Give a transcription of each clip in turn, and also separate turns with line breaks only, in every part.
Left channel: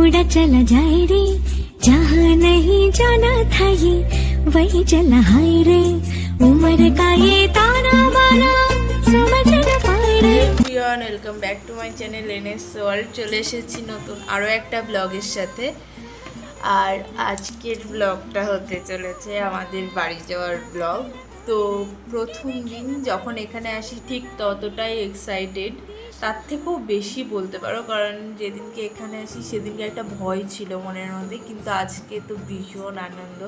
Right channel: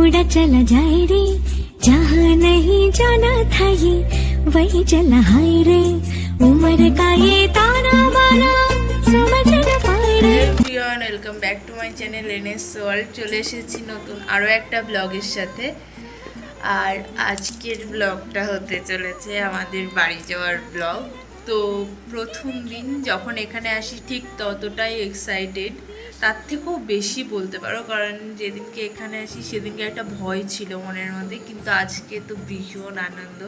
उड़ा चला जाए रे जहाँ नहीं जाना था ये वही चला हाय रे उम्र का ये ताना बाना समझ न पाए रे
everyone welcome back to my channel NS world চলে এসেছি নতুন আরও একটা ব্লগের সাথে আর আজকের ব্লগটা হতে চলেছে আমাদের বাড়ি যাওয়ার ব্লগ তো প্রথম দিন যখন এখানে আসি ঠিক ততটাই এক্সাইটেড তার থেকেও বেশি বলতে পারো, কারণ যেদিনকে এখানে আসি সেদিনকে একটা ভয় ছিল মনের মধ্যে, কিন্তু আজকে তো ভীষণ আনন্দ।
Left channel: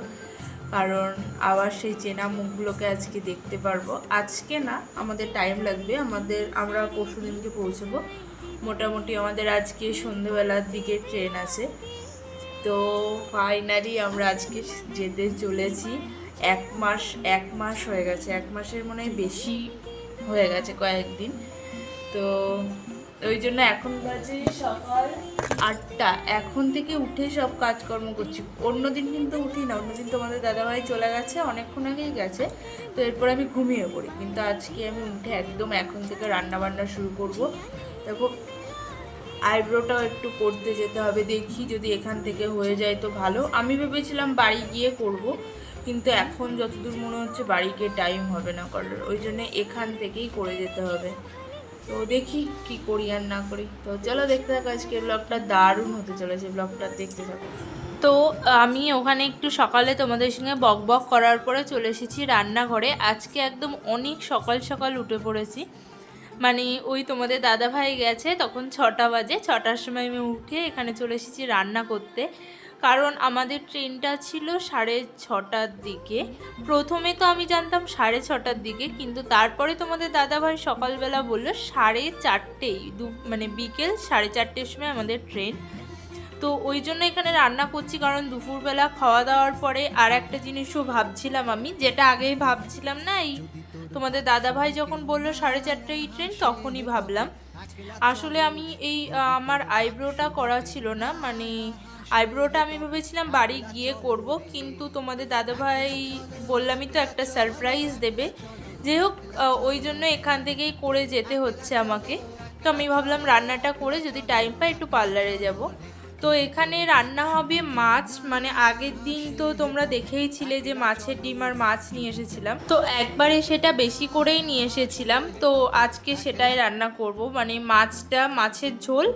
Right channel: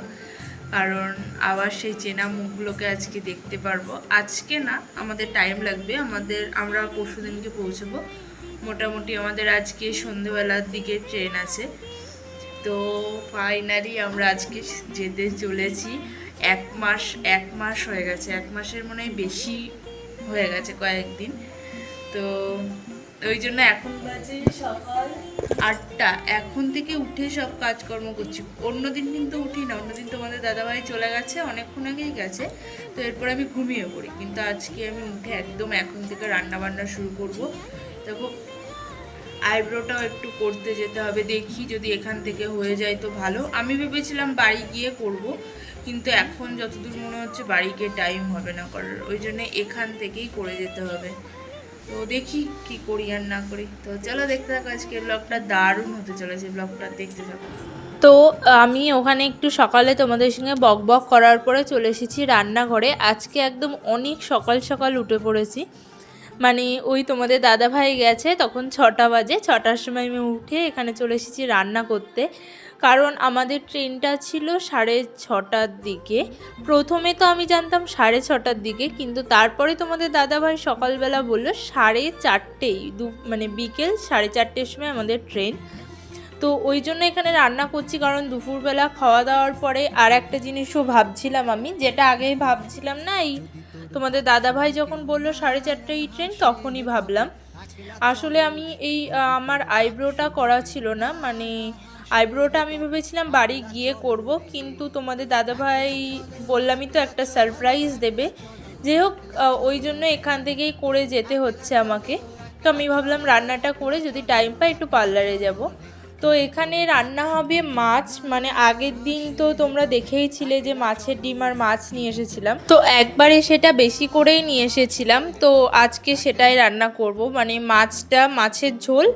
কারণ আবার সেই চেনা মুখগুলোকে আজকে দেখতে পারব। আজকে না, আমাদের টাইম লাগবে, আমাদের, আমরা পরশু দিনকে পৌঁছবো। মোটামুটি আমাদের আজকে সন্ধেবেলার দিকে ট্রেন আছে। তো ফাইনালি আমরা আজকে যেতে চলেছি। এক মাস এক মাস হয়ে গেছে। এক মাসের মনে হয় বেশি হয়ে গেছে কয়েকদিন। তো ওই জন্য এখন বাজে সকাল আটটা। এখন থেকে উঠে সব কাজকর্ম করছি। অন্যদিন কিন্তু উঠি না। অন্যদিন তোমাদের দাদাভাই চলে গেছে, অনেকক্ষণ আগেই গেছে। তো এরপর আমি ঘুমিয়ে পড়ি। কিন্তু আজকে আমি উঠে একদম এখন থেকে রান্না বান্না শুরু করব। দেখো, আইব্রোটাও একটু করতে যেতে হবে। দেখি যদি এখান থেকে হয়ে যায় তো ভালো। আমি ভেবেছিলাম বাড়ি গিয়ে করব। কিন্তু এখন যতদূর মনে হচ্ছে বাড়ি গিয়ে টাইম হবে না করার। ওই জন্য এখান থেকেই করে যেতে হবে। তো দেখি কি করি আর না করি। তো চলো দেখতে থাকো আজকে ব্লগটা দারুণ হতে চলেছে। ব্লগটা দেখতে থাকো। তো আমি ওখানে একটু সকালে তোমাদের সঙ্গে বক বক করার পরে চলে এসেছি রান্নাঘরে। আজকে একদম অনেক সকাল সকাল উঠে পড়েছি। মানে ওই তোমাদের দাদা ভাই গেছে তখন ছটা বাজে। ছটার সময় আমি উঠে এখানে চলে এসেছি রান্না করতে। কারণ আমাদের ট্রেনটা ছিল সাড়ে ছটার দিকে। প্রথমে তো আমি জানতাম সাড়ে ছটার দিকে, কিন্তু তারপরে তোমাদের দাদা ভাই সকালবেলা বলল সাড়ে চারটেই দু মানে বিকেল সাড়ে চারটের সময় আমাদের ট্রেন। তো ওই জন্য এখানে রান্না করছি, কারণ দুপুরবেলা খাওয়া দাওয়ার পরে আর একটা জিনিসও ভাবছিলাম আমি, যেটা আগেই ভাবছিলাম না, এই তোমাদের দাদা ভাই যখন বলল সাড়ে চারটেই ট্রেন, তখনই ভাবলাম। আসলে আমি এই আমার আইব্রোটা করা ছিল না মানে আইব্রোটা আমি ভেবেছিলাম বাড়ি গিয়ে করব, কিন্তু তোমাদের দাদাভাই বললামই তো একটা সারপ্রাইজ দেবে। যাই হোক ওই জন্য এখান থেকেই করে যেতে হচ্ছে আমাকে। তো আমি ভাবলাম রান্নাটা করে যদি টাইম পাই একটু পার্লারে যাব। তো এখানে রান্না হবে মাছ মানে আগের দিন তো তোমরা দেখেইছিলে যে মাছের ডিম আর মাছ নিয়ে এসেছিলাম। তো একবারে সেটা বেশি করেই নিয়ে এসেছিলাম। তো আজকে সেটাই রান্না করব মানে মাছটা, মাছের ঝোল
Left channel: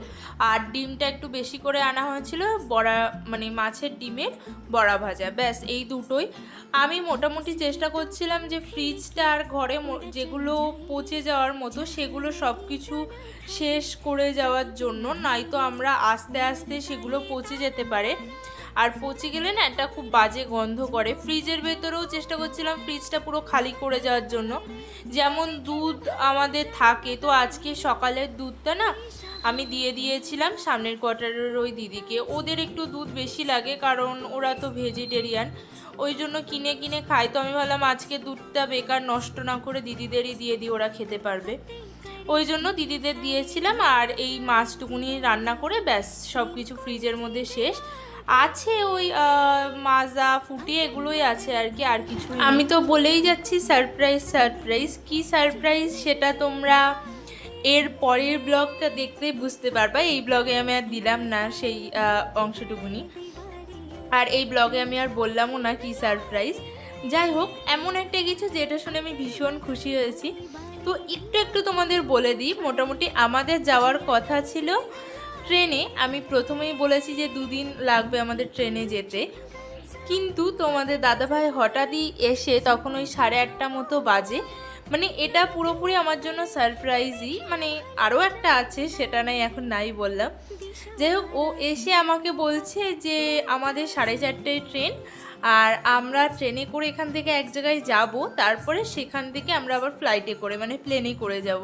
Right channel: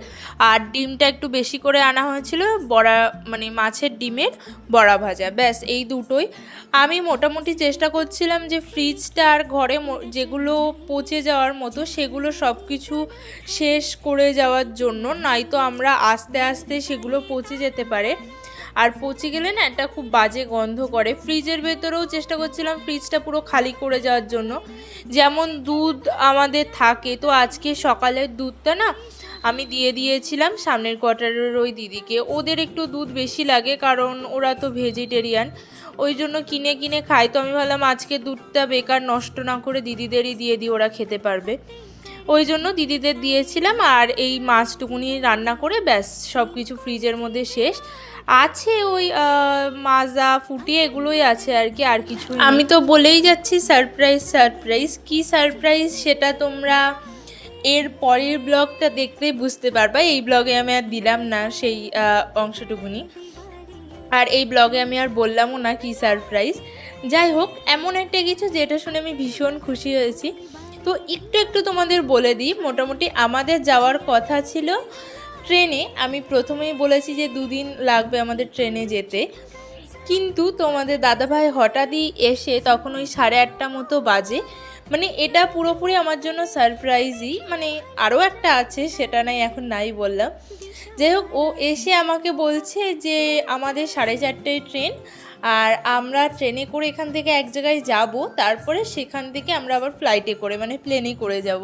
আর ডিমটা একটু বেশি করে আনা হয়েছিল বড়া মানে মাছের ডিমের বড়া ভাজা। ব্যাস, এই দুটোই। আমি মোটামুটি চেষ্টা করছিলাম যে ফ্রিজটা আর ঘরে যেগুলো পচে যাওয়ার মতো সেগুলো সব কিছু শেষ করে যাওয়ার জন্য, নয়তো আমরা আস্তে আস্তে সেগুলো পচে যেতে পারে। আর পচে গেলে না একটা খুব বাজে গন্ধ করে। ফ্রিজের ভেতরেও চেষ্টা করছিলাম ফ্রিজটা পুরো খালি করে যাওয়ার জন্য। যেমন দুধ আমাদের থাকে, তো আজকে সকালের দুধটা না আমি দিয়ে দিয়েছিলাম সামনের কোয়ার্টারের ওই দিদিকে। ওদের একটু দুধ বেশি লাগে, কারণ ওরা তো ভেজিটেরিয়ান। ওই জন্য কিনে কিনে খাই। তো আমি ভাবলাম আজকে দুধটা বেকার নষ্ট না করে দিদিদেরই দিয়ে দিই, ওরা খেতে পারবে। ওই জন্য দিদিদের দিয়েছিলাম আর এই মাছটুকুনি রান্না করে ব্যাস সব কিছু ফ্রিজের মধ্যে শেষ। আছে ওই মাজা, ফুটি, এগুলোই আছে আর কি, আর কিছু আমি তো বলেই যাচ্ছি সারপ্রাইজ সারপ্রাইজ। কি সারপ্রাইজ সেটা তোমরা এর পরের ব্লগটা দেখতেই বুঝতে পারবা। এই ব্লগে আমি আর দিলাম না সেই অংশটুকুনি। আর এই ব্লগে আমি আর বললামও না কি সারপ্রাইজ যাই হোক, এমন একটা কিছু যেটা শুনে আমি ভীষণ খুশি হয়েছি। তো একটু একটু তোমাদের বলে দিই, মোটামুটি আমাদের যাওয়ার কথা ছিল ট্রেনে। আমি প্রথমেই বলেছি যে দুদিন লাগবে আমাদের ট্রেনে যেতে। কিন্তু তোমাদের দাদাভাই হঠাৎই এসে তখন ওই সাড়ে আটটা মতো বাজে। মানে এটা পুরোপুরি আমার জন্য সারপ্রাইজই মানে আরও একটা আছে, সেটা নাই, এখন নাই বললাম। যাই হোক, ও এসে আমাকে বলছে যে, আমাদের সাড়ে চারটেয় ট্রেন আর আমরা ট্রেনে করে এখান থেকে এক জায়গায় যাব, তারপরে সেখান থেকে আমরা আবার ফ্লাইটে করে মানে প্লেনে করে যাব।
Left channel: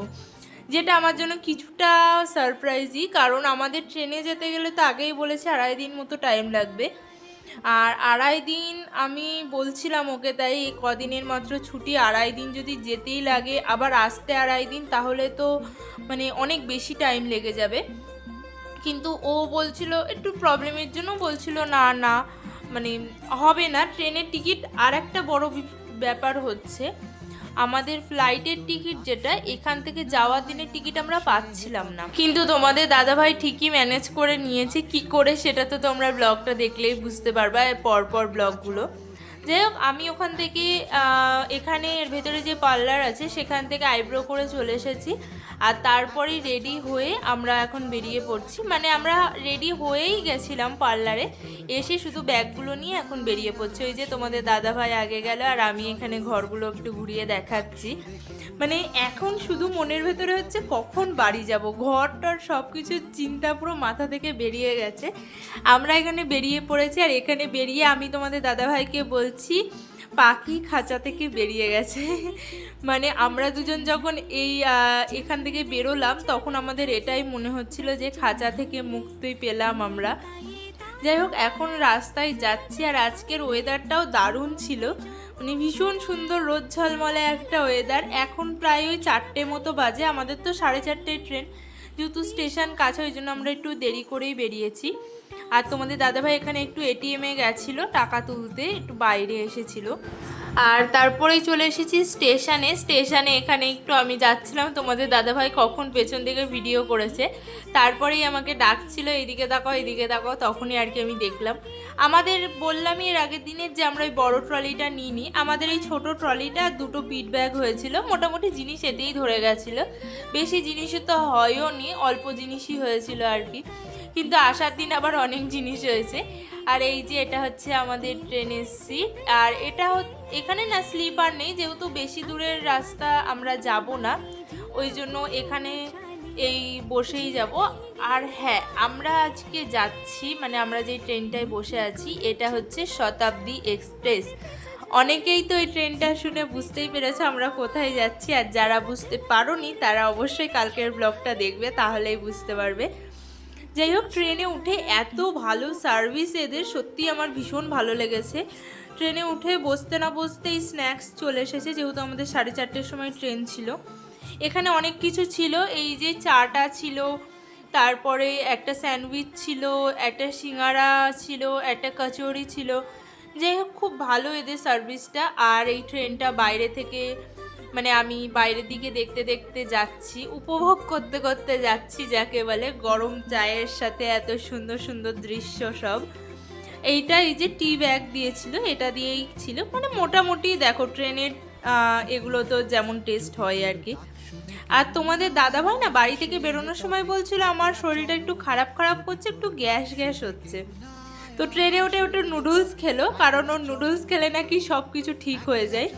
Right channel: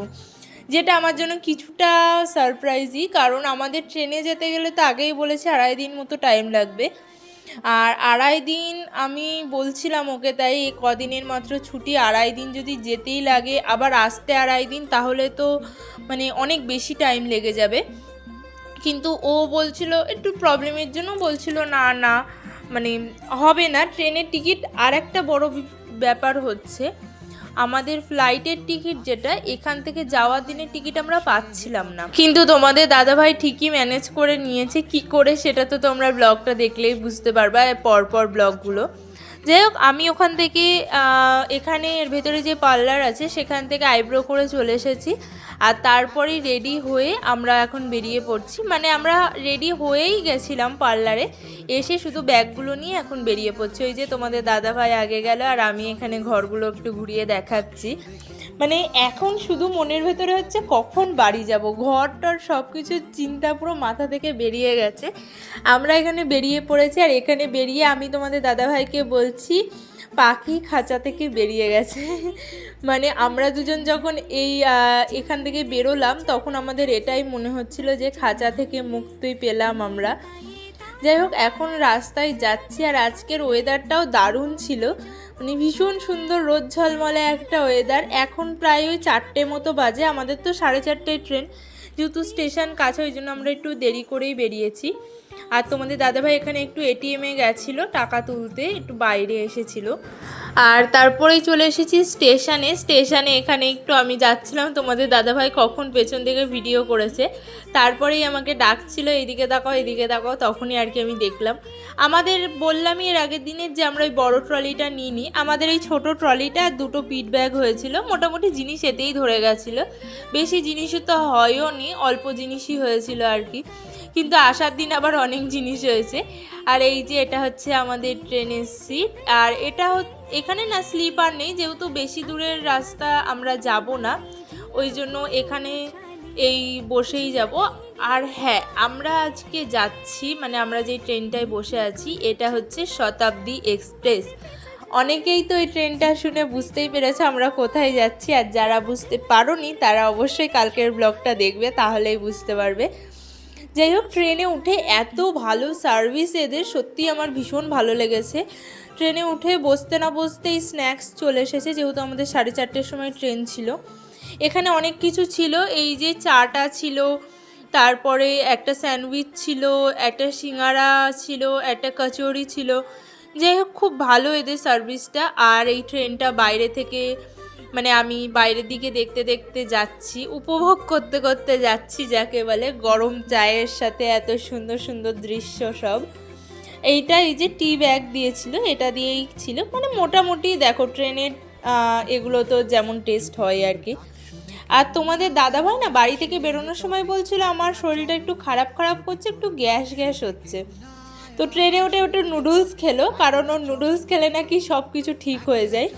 যেটা আমার জন্য কিছুটা সারপ্রাইজই কারণ আমাদের ট্রেনে যেতে গেলে তো আগেই বলেছে, আড়াই দিন মতো টাইম লাগবে। আর আড়াই দিন আমি বলছিলাম ওকে, তাই কদিনের মাত্র ছুটি, আড়াই দিন যদি যেতেই লাগে, আবার আসতে আড়াই দিন, তাহলে তো মানে অনেক বেশি টাইম লেগে যাবে। কিন্তু ও বলছিল, একটু প্রবলেমের জন্য বলছিল, না না মানে হবে না, ট্রেনের টিকিট। আর একটা বড় ব্যাপার হচ্ছে আমাদের ফ্লাইটের টিকিট যেটা, এখান থেকে যাওয়ার দিনের টিকিট আমরা পাচ্ছিলাম না। কিন্তু তোমাদের দাদাভাই ঠিকই ম্যানেজ করে নিয়েছে, কি করে সেটা তো তোমরা ব্লগটা দেখলেই বুঝতে পারবা পরপর ব্লগগুলো যাই হোক, আমি ওখান থেকে এখানে এর ভেতরে যে পার্লার আছে, সেখান থেকে আইব্রো করে চলে এসেছি। আর তারপরেই রেডি হয়ে আমরা এখন বেরিয়ে পড়ছি। মানে আমরা রেডি হয়েই গেছিলাম পার্লারে এসে শুধু ব্যাগগুলো নিয়ে এখন বেরিয়ে পড়ছি। ওই যে তোমাদের দাদা ভাই আগে গেল আর আমি এখানে ঘরগুলো একটু ঘুরিয়ে দেখাচ্ছি। মানে এখন শুধু মনের ভেতরে হচ্ছে কখন বাড়ি যাব? ঘরটার সব কিছুর চিন্তা পুরো মাথা থেকে বেরিয়ে গেছে। আমরা এখানে বেরিয়ে পড়েছি আর এখানে বেরিয়ে আমি তোমাদের দাদাভাইকে বলছি পাখি খাঁচা থেকে বেরিয়ে গেছে। মানে আমরা দুজন যখন এই এখান থেকে বেরোলাম, তখন আমাদের এটাই মনে হচ্ছিল যে খাঁচা থেকে মুক্তি পেলাম আমরা। যাই হোক, এখন রাস্তায় যাচ্ছি, আর আজকের ওয়েদারটাও দারুণ ছিল। মানে ভীষণ সুন্দর রোদ ঝলমলে একটা ওয়েদার এখন প্রায় ওই চারটে মতো বাজে, আমাদের তো সাড়ে চারটেয় ট্রেন যেহেতু স্টেশন কাছে, ওই জন্য আমরা একটু দেরি করেই বেরিয়েছি। আর তোমাদের দাদাভাই এখানে একটু এটিএমে গেছিল, টাকা তুলতে একটু বাইরে এসেছিল। আর তারপরেই চলে এসেছি স্টেশনে। স্টেশনে এখানে একটু আমি যাচ্ছিলাম। তোমাদের দাদাভাই কখন পেছন থেকে ভিডিও করেছে। তারপরেই আমাকে ডাকছিল, এদিকে তাকাও এদিকে তাকাও। তখনই আর কি আমি দেখলাম। আমাদের বললামই এর আগের দিনের যে আমরা ওই বড় ট্রলিটা নিইনি, আমাদের এই ছোট ট্রলিটা দুটো পিট ব্যাগ হয়েছিল। মোটামুটি জিনিস এতেই ধরে গেছিল। বেশি জিনিসও তো হয়ও নি অল্প জিনিসই হয়েছিল আর কি। কিন্তু আসার দিন আবার অনেক জিনিস হয়েছে আর এই যে এটা হচ্ছে আমাদের ট্রেনের সিট। আর এটা এখানে না স্লিপার নেই, যেহেতু বেশি দূরের রাস্তা আমরা যাব না। ওই জন্য এখানে এই বসেই যাব। আর হ্যাঁ আমরা আজকে যাচ্ছি মানে আমরা যে ট্রেনটায় বসে আছি, এটা হচ্ছে শতাব্দী এক্সপ্রেস। অনেকেই তো এই ট্রেনটা শুনে বুঝতেই পেরেছে আমরা কোথায় যাচ্ছি। আর যারা বুঝতে পারোনি, তারা অবশ্যই কালকের ব্লগটা দেখবে, তাহলেই বুঝতে পারবে। যাই হোক ট্রেনে উঠে এত ভালো সার্ভিস এদের, সত্যি আমার ভীষণ ভালো লেগেছে। ট্রেনে উঠে বসতে না বসতেই স্ন্যাক্স চলে এসেছে, যেহেতু আমাদের সাড়ে চারটের সময় ট্রেন ছিল। এখানে অনেক কিছু ছিল, এই যে চাটা ছিল, তারপরে একটা স্যান্ডউইচ ছিল, একটা সিঙ্গারা ছিল, একটা কচুরি ছিল। যাই হোক খুব ভালো এদের সার্ভিসটা আর এই ট্রেনটা বাইরে থেকে মানে আমি বাইরের দিকে দেখতে দেখতে যাচ্ছি, উপভোগ করতে করতে যাচ্ছি যাকে বলে গরম চায়ের সাথে এত সুন্দর সুন্দর দৃশ্য সব। এইটা এই যে টি ব্যাগ দিয়েছিল, এটা দিয়েই ছিল। মানে মোটামুটি দেখো ট্রেনের এগুলো তো যেমন টেস্ট হয় আর কি। আর তোমাদের দাদা ভাই না বাড়ি থেকে বেরোনোর সময় বলছিল আমার শরীরটা একটু খারাপ খারাপ করছে, একটু গ্যাস গ্যাস হচ্ছে। তো ট্রেনে উঠে ওটা নুডলস খেলো, কারণ ওর নুডলস খেলে নাকি সব কিছু ঠিক হয়ে যায়।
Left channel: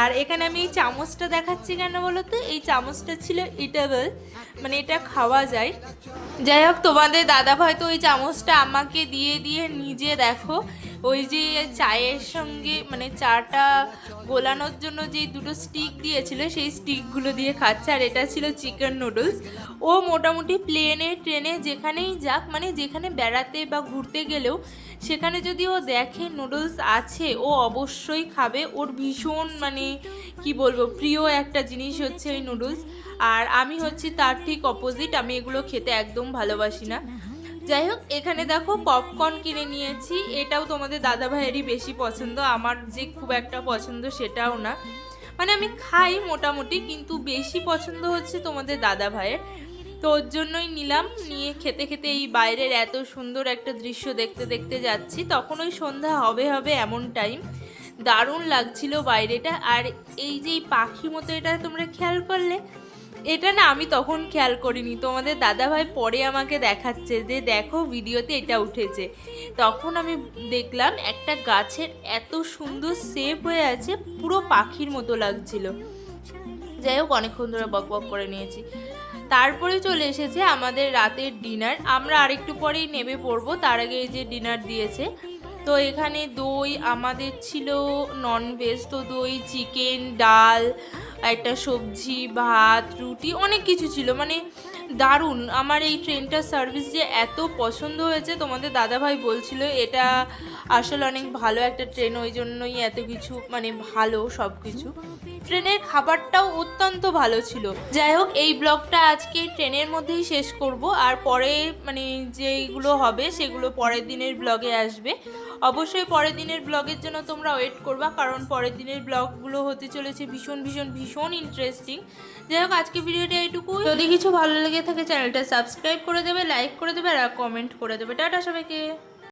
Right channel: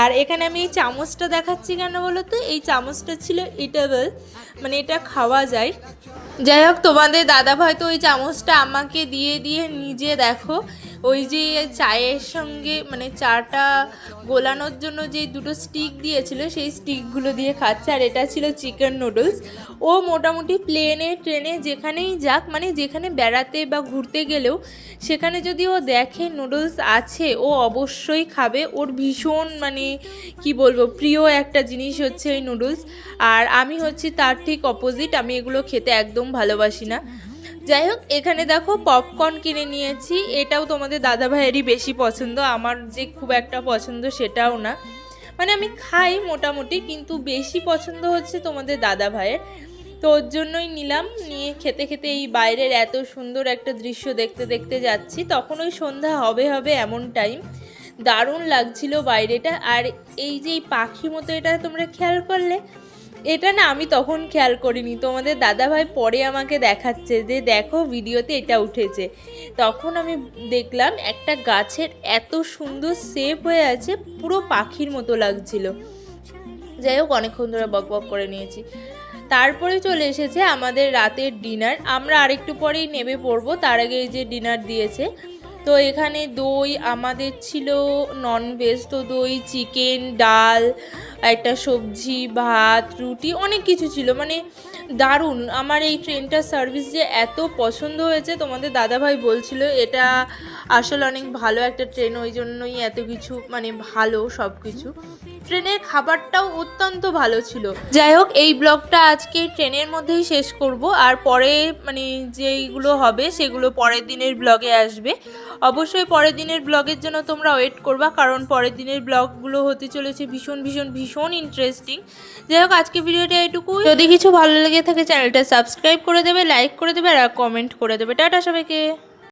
আর এখানে আমি এই চামচটা দেখাচ্ছি কেন বলো তো এই চামচটা ছিল ইটেবল মানে এটা খাওয়া যায়। যাই হোক, তোমাদের দাদা ভাই তো ওই চামচটা আমাকে দিয়ে দিয়ে নিজে দেখো। ওই যে চায়ের সঙ্গে মানে চাটা গোলানোর জন্য যে দুটো স্টিক দিয়েছিল, সেই স্টিকগুলো দিয়ে খাচ্ছে, আর এটা ছিল চিকেন নুডলস ও মোটামুটি প্লেনে ট্রেনে যেখানেই যাক মানে যেখানে বেড়াতে বা ঘুরতে গেলেও, সেখানে যদি ও দেখে নুডলস আছে, ও অবশ্যই খাবে। ওর ভীষণ মানে কি বলব, প্রিয় একটা জিনিস হচ্ছে এই নুডলস আর আমি হচ্ছি তার ঠিক অপোজিট আমি এগুলো খেতে একদম ভালোবাসি না। যাই হোক, এখানে দেখো পপকর্ন কিনে নিয়েছি। এটাও তোমাদের দাদা ভাইয়েরই বেশি পছন্দ, আমার যে খুব একটা পছন্দ সেটাও না। মানে আমি খাই মোটামুটি, কিন্তু বেশি পছন্দ হচ্ছে তোমাদের দাদা ভাইয়ের তো ওর জন্যই নিলাম, নিয়ে খেতে খেতে এই বাইরের এত সুন্দর একটা দৃশ্য দেখতে দেখতে যাচ্ছি। তখন ওই সন্ধ্যা হবে হবে এমন টাইম দারুণ লাগছিল বাইরেটা। আর এই যে পাখি মতো, এটা তোমরা খেয়াল করলে এটা না আমি তখন খেয়াল করিনি। তোমাদের দাদাভাই পরে আমাকে দেখাচ্ছে যে দেখো ভিডিওতে এটা উঠেছে। তখন আমি দেখলাম একটা গাছের এত সুন্দর শেপ হয়ে আছে, পুরো পাখির মতো লাগছিল। যাই হোক, অনেকক্ষণ ধরে বক বক করে নিয়েছি। তারপরে চলে এসেছে আমাদের রাতের ডিনার আমরা আরেকটু পরেই নেমে পড়ব, তার আগে যে ডিনার দিয়েছে। তো এখানে দই, আমাদের ছিল ননভেজ তো দই চিকেন ডাল একটা সবজি, ভাত, রুটি, অনেক কিছু ছিল। মানে দারুণ। আমার এই ট্রেনটার সার্ভিস যে এত পছন্দ হয়েছে, তোমাদের দাদাভাই বলছিল, এটা আসলে অনেক ভালো একটা ট্রেন, ওই জন্যই এত কিছু মানে ভালো সব কিছু ট্রেনের খাবারটাও অত্যন্ত ভালো ছিল। যাই হোক, এই ব্লগটা আজকে ট্রেনের মধ্যেই শেষ করব। আর পরে মানে যেগুলো হবে, সেগুলো পরের দিনের ব্লগে আসবে। অবশ্যই পরের দিনের ব্লগের জন্য তোমরা ওয়েট করবা, কারণ পরের দিনের ব্লগগুলো হতে চলেছে ভীষণ ভীষণ ভীষণ ইন্টারেস্টিং যাই হোক, আজকে ভিডিওটা এইটুকু যদি কিছু ভালো লেগে থাকে চ্যানেলটা সাবস্ক্রাইব করে দেবে লাইক করে দেবে, আর কমেন্ট করে দেবে। টাটা সবাইকে।